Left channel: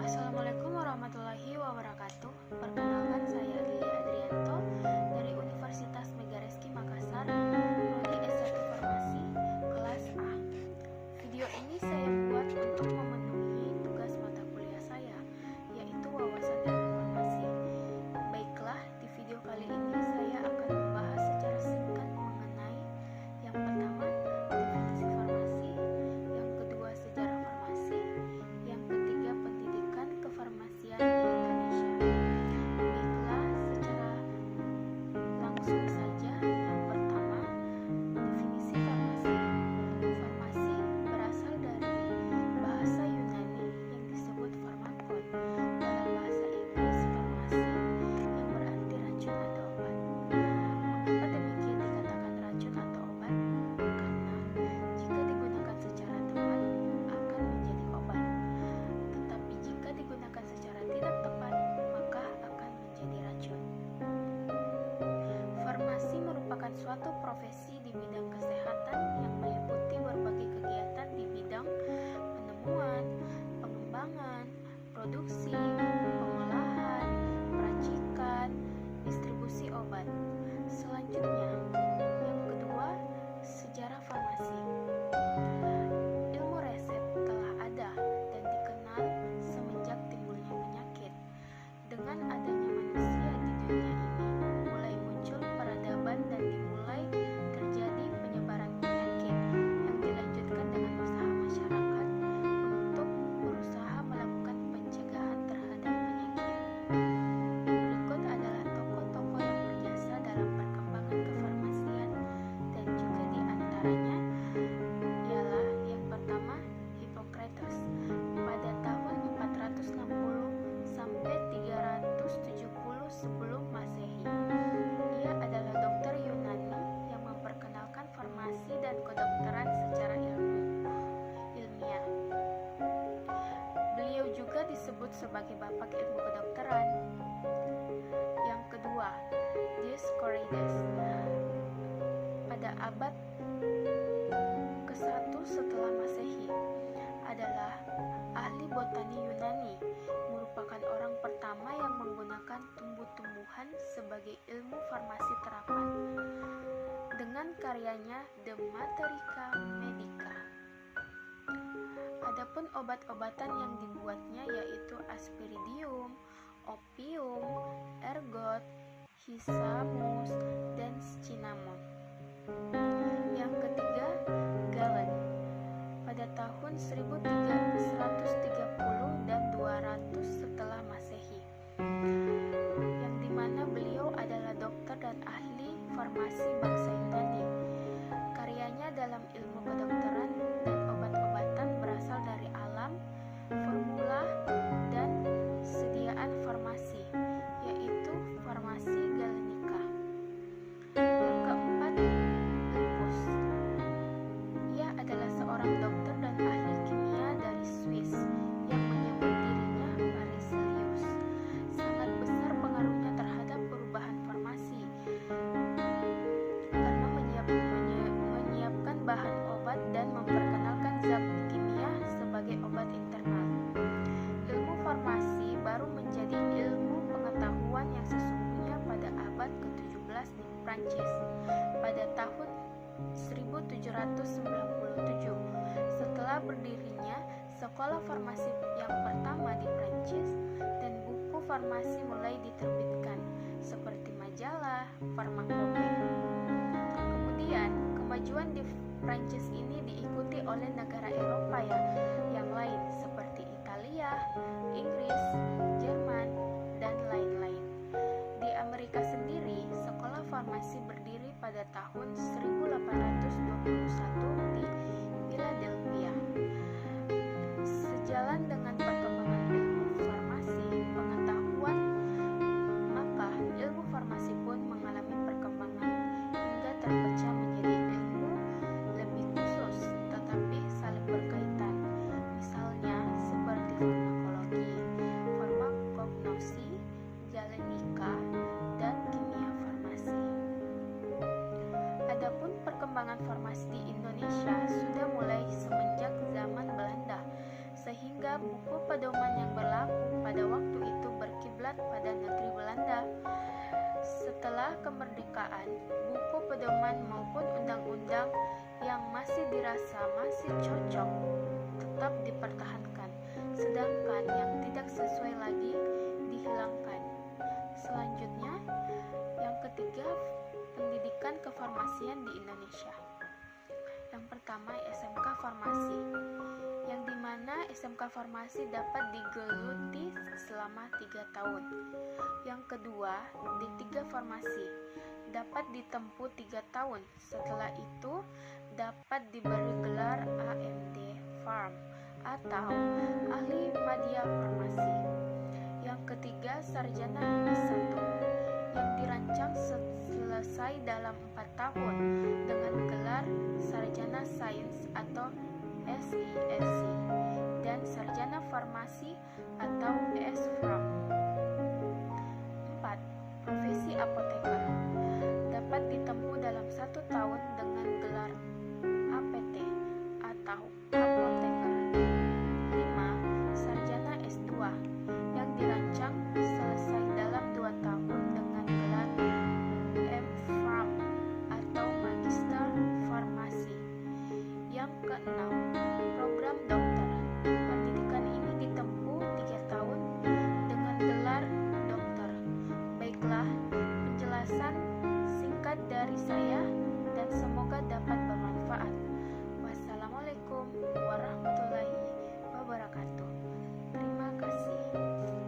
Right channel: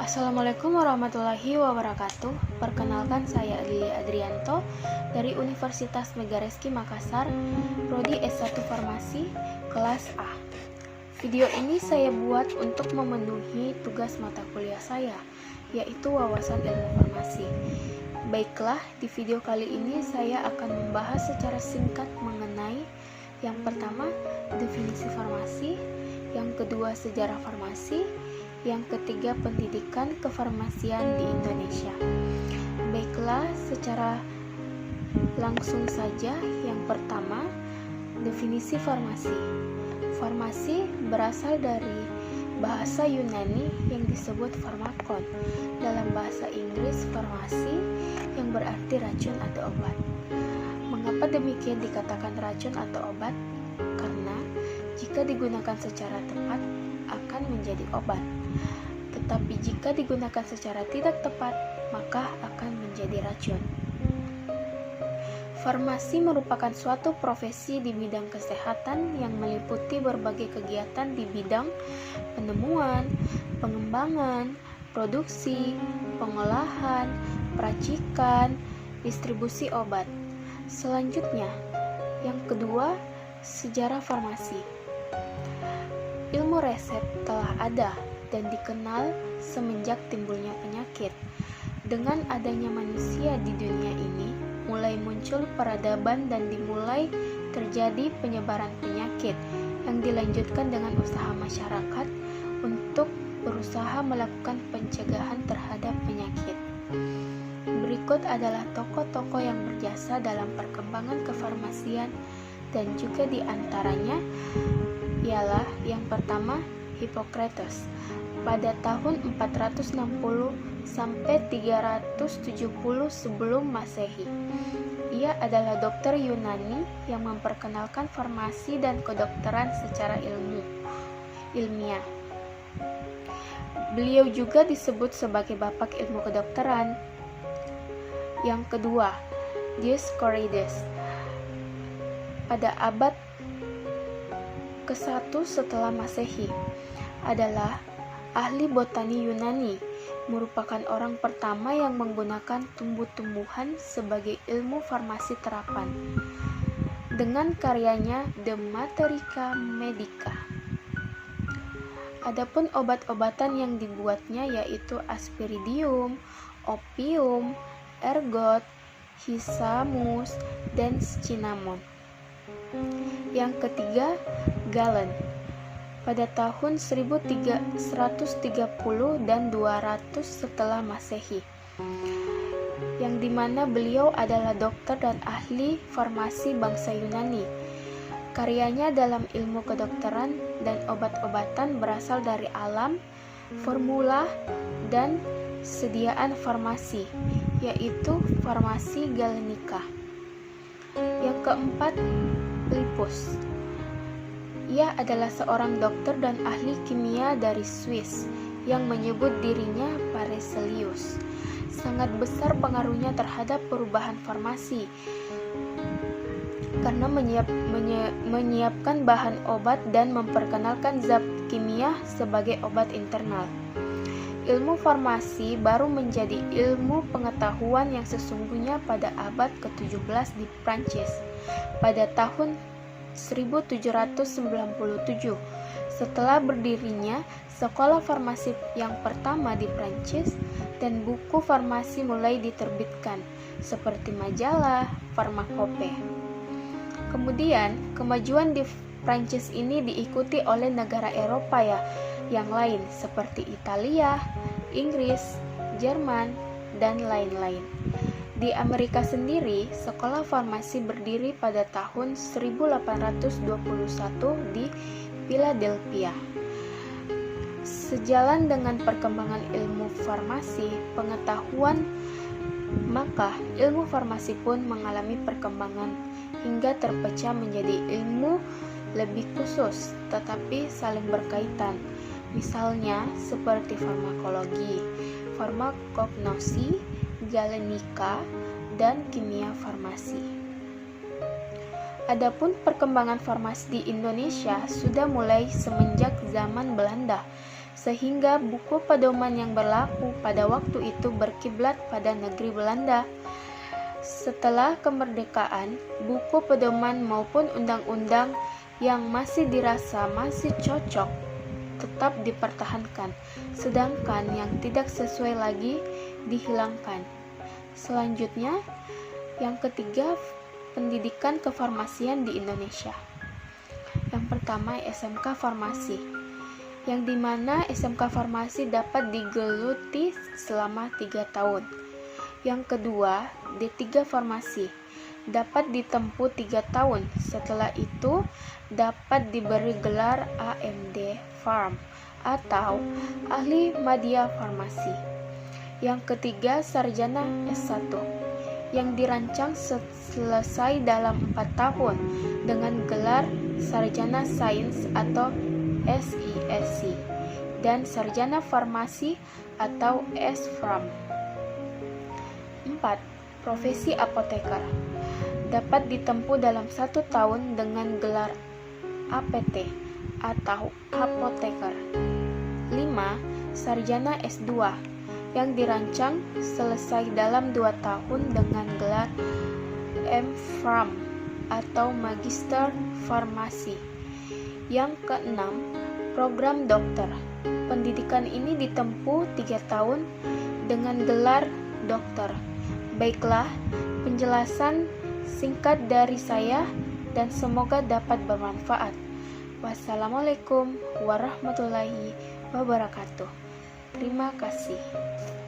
Assalamualaikum warahmatullahi wabarakatuh. Perkenalkan, saya Lili Adrianto dari Universitas Megareski Makassar, Prodi S1 Farmasi, kelas A. Video ini saya buat untuk memenuhi tugas mata kuliah saya, yaitu wawasan ilmu farmasi. Baiklah, di video kali ini saya akan membahas secara singkat mengenai yang pertama, definisi farmasi, yang kedua, sejarah farmasi, yang ketiga, pendidikan kefarmasian di Indonesia. Baiklah, secara langsung saja. Yang pertama, definisi farmasi. Farmasi berasal dari bahasa Yunani yang disebut farmakon. Dalam bahasa Inggris, farmasi yang berarti racun atau obat. Mengapa demikian dikatakan racun atau obat? Karena jika digunakan secara tepat akan menjadi obat. Tetapi jika digunakan secara tidak tepat, maka akan menjadi racun. Farmasi merupakan suatu profesi di bidang kesehatan yang meliputi berbagai kegiatan di bidang penemuan, pengembangan, produksi, pengolahan, peracikan, distribusi obat. Selanjutnya, yang kedua, sejarah farmasi. Ilmu resep telah ada dan dikenal semenjak timbulnya penyakit. Dengan adanya manusia di dunia ini, mulai muncul peradaban dan dimulai terjadi penyebaran penyakit yang dilanjutkan dengan usaha masyarakat untuk berusaha melakukan pencegahan terhadap penyakit. Berikut adalah tokoh-tokoh yang berjasa dalam perkembangan kefarmasian dan juga diantaranya ialah yang pertama, Hippocrates pada tahun 460 sampai 370 sebelum Masehi. Ia adalah dokter Yunani yang memperkenalkan farmasi dan kedokteran secara ilmiah. Beliau juga disebut sebagai bapak ilmu kedokteran. Yang kedua, Dioscorides pada abad ke-1 setelah Masehi adalah ahli botani Yunani, merupakan orang pertama yang menggunakan tumbuh-tumbuhan sebagai ilmu farmasi terapan dengan karyanya De Materica Medica. Adapun obat-obatan yang dibuatnya yaitu aspiridium, opium, ergot, hysamus, dan cinnamon. Yang ketiga, Galen pada tahun 1130 dan 200 setelah Masehi, yang dimana beliau adalah dokter dan ahli farmasi bangsa Yunani. Karyanya dalam ilmu kedokteran dan obat-obatan berasal dari alam, formula, dan sediaan farmasi, yaitu farmasi Galenica. Yang keempat, Lippus. Ia adalah seorang dokter dan ahli kimia dari Swiss yang menyebut dirinya Paracelsus. Sangat besar pengaruhnya terhadap perubahan farmasi karena menyiapkan bahan obat dan memperkenalkan zat kimia sebagai obat internal. Ilmu farmasi baru menjadi ilmu pengetahuan yang sesungguhnya pada abad ke-17 di Prancis pada tahun 1797 setelah berdirinya sekolah farmasi yang pertama di Prancis, dan buku farmasi mulai diterbitkan seperti majalah Pharmacope. Kemudian kemajuan di Prancis ini diikuti oleh negara Eropa yang lain seperti Italia, Inggris, Jerman, dan lain-lain. Di Amerika sendiri, sekolah farmasi berdiri pada tahun 1821 di Philadelphia. Sejalan dengan perkembangan ilmu farmasi pengetahuan, maka ilmu farmasi pun mengalami perkembangan hingga terpecah menjadi ilmu lebih khusus tetapi saling berkaitan. Misalnya seperti farmakologi, farmakognosi, galenika, dan kimia farmasi. Adapun perkembangan farmasi di Indonesia sudah mulai semenjak zaman Belanda sehingga buku pedoman yang berlaku pada waktu itu berkiblat pada negeri Belanda. Setelah kemerdekaan, buku pedoman maupun undang-undang yang masih dirasa masih cocok tetap dipertahankan, sedangkan yang tidak sesuai lagi dihilangkan. Selanjutnya, yang ketiga, pendidikan kefarmasian di Indonesia. Yang pertama, SMK Farmasi, yang dimana SMK Farmasi dapat digeluti selama 3 tahun. Yang kedua, D3 Farmasi, dapat ditempuh 3 tahun. Setelah itu, dapat diberi gelar AMD Farm atau Ahli Madya Farmasi. Yang ketiga, Sarjana S1, yang dirancang selesai dalam 4 tahun dengan gelar Sarjana Sains atau SISC dan Sarjana Farmasi atau S-Farm. 4. Profesi apoteker, dapat ditempuh dalam 1 tahun dengan gelar APT atau apoteker. 5. Sarjana S2, yang dirancang selesai dalam 2 tahun dengan gelar M.Pharm atau Magister Farmasi. Yang keenam, program dokter. Pendidikan ini ditempuh 3 tahun dengan gelar dokter. Baiklah, penjelasan singkat dari saya dan semoga dapat bermanfaat. Wassalamualaikum warahmatullahi wabarakatuh. Terima kasih.